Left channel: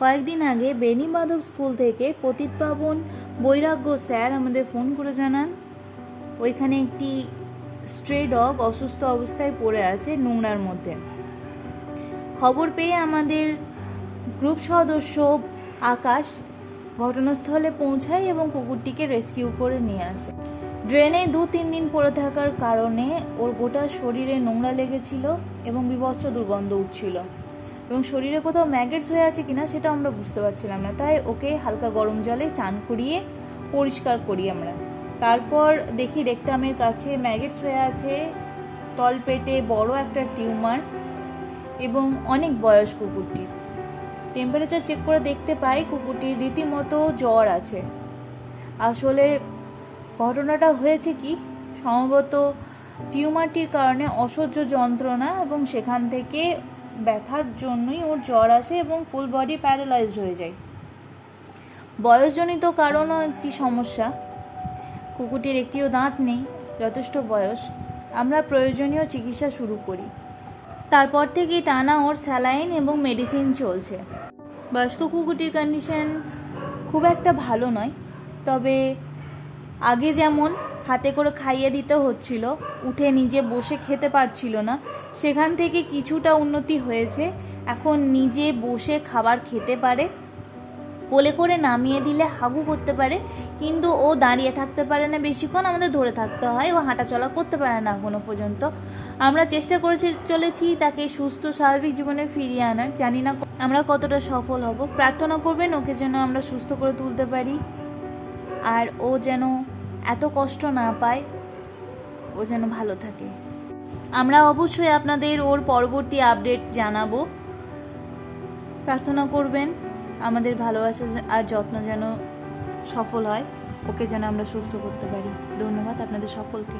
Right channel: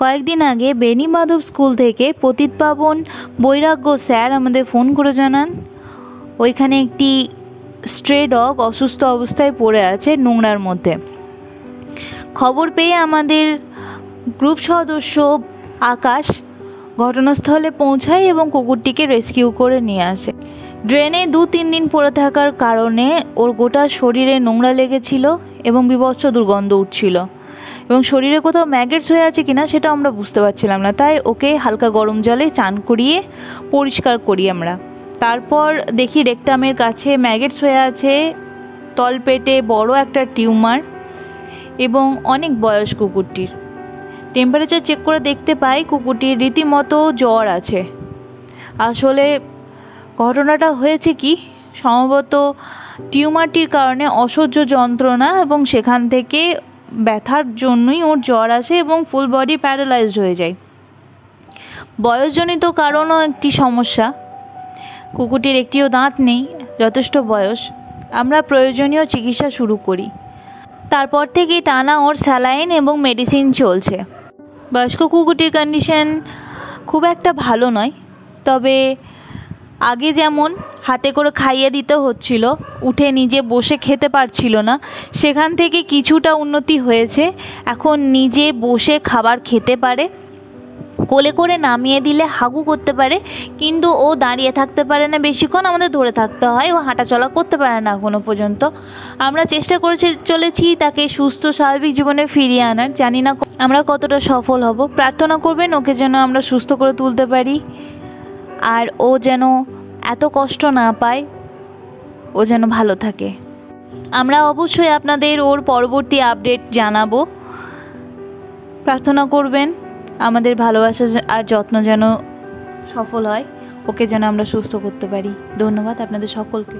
কয়েকদিন আগে বেনি মাধব স্কুল থেকে পতিত পাবন বৈরাগ্য স্যার আমাদের ফোন করে জানান ওইখানে একটি স্ট্রে ডগ অসুস্থ অবস্থায় পড়ে আছে নোংরার মধ্যে। খবর পেয়ে আমাদের গ্রুপ সদস্য আকাশ ঘটনাস্থলে পৌঁছায় এবং কুকুরটিকে রেস্কিউ করে নিয়ে আসে। ড্রেনে 2-3 দিন পড়ে থাকার কারণে ওর গোটা শরীরে নোংরা লেগেছিল এবং বীভৎস দুর্গন্ধ উঠছিল এবং শরীরে কোথাও ম্যাগেটস হয়ে আছে কিনা সেটা আমরা বুঝতে পারছিলাম না। তাই ওকে হালকা গরম জলে চান করিয়ে পরিষ্কার করি আমরা। তারপর দেখি রেকটামের কাছে ম্যাগেটস হয়ে আছে, তলপেটে বড় একটা টিউমার এবং অনেক বয়স কুকুরটির। টেম্পারেচার চেক করে দেখতে পাই কুকুরটির রীতিমতো জ্বর আছে। আসলে ঘটনাটা হয়েছে কি, সম্ভবত টিউমারটির কারণে অসহ্য যন্ত্রণা এবং সেখান থেকে ব্যথার জন্যই ওর জ্বর আসে এবং ফুল বডি প্যারালাইজড হয়ে যায়। বয়সজনিত কারণও একটি সমস্যা। কুকুরটির একটিও দাঁত নেই, যথেষ্ট বয়স। আমরা প্রয়োজনীয় চিকিৎসা শুরু করি। তারপর থেকেই টানা ওর স্যালাইন এবং মেডিসিন চলছে। বয়স্ক কুকুরটির কন্ডিশন খুব একটা ভালো নয়, তবে আগে যেমন হাতে করে খাইয়ে দিতে হচ্ছিল, উঠে নিজে বসে খেতে পারছিল না, সেখান থেকে কিছুটা উন্নতি হয়েছে। এখন নিজে বসে খাবার খেতে পারে, কোলে করে নামিয়ে দিলে হাগু করতে পারে, কিন্তু ও দাঁড়িয়ে থাকতে পারে না বেশিক্ষণ, আমাদের ধরে থাকতে হয়। ও হাঁটাচলা করতে পারে না এখনও পর্যন্ত। আমরা চেষ্টা করে চলেছি তাকে সুস্থ স্বাভাবিক জীবনে ফিরিয়ে আনার। জানি না আমরা কতটা সফল হব। প্রার্থনা করবেন ওকে যেন আমরা সুস্থ করে তুলতে পারি, আর ও যেন এত কষ্ট না পায়, ও যেন ভালো থাকে। আমরা অবশ্যই আপনাদের ওর পরবর্তী আপডেট জানাবো। প্রার্থনা করবেন আমাদের ভালোবাসা আর যত্ন যেন সফল হয়, ওকে যেন আমরা সুস্থ করতে পারি। ধন্যবাদ আপনাদের সকলকে।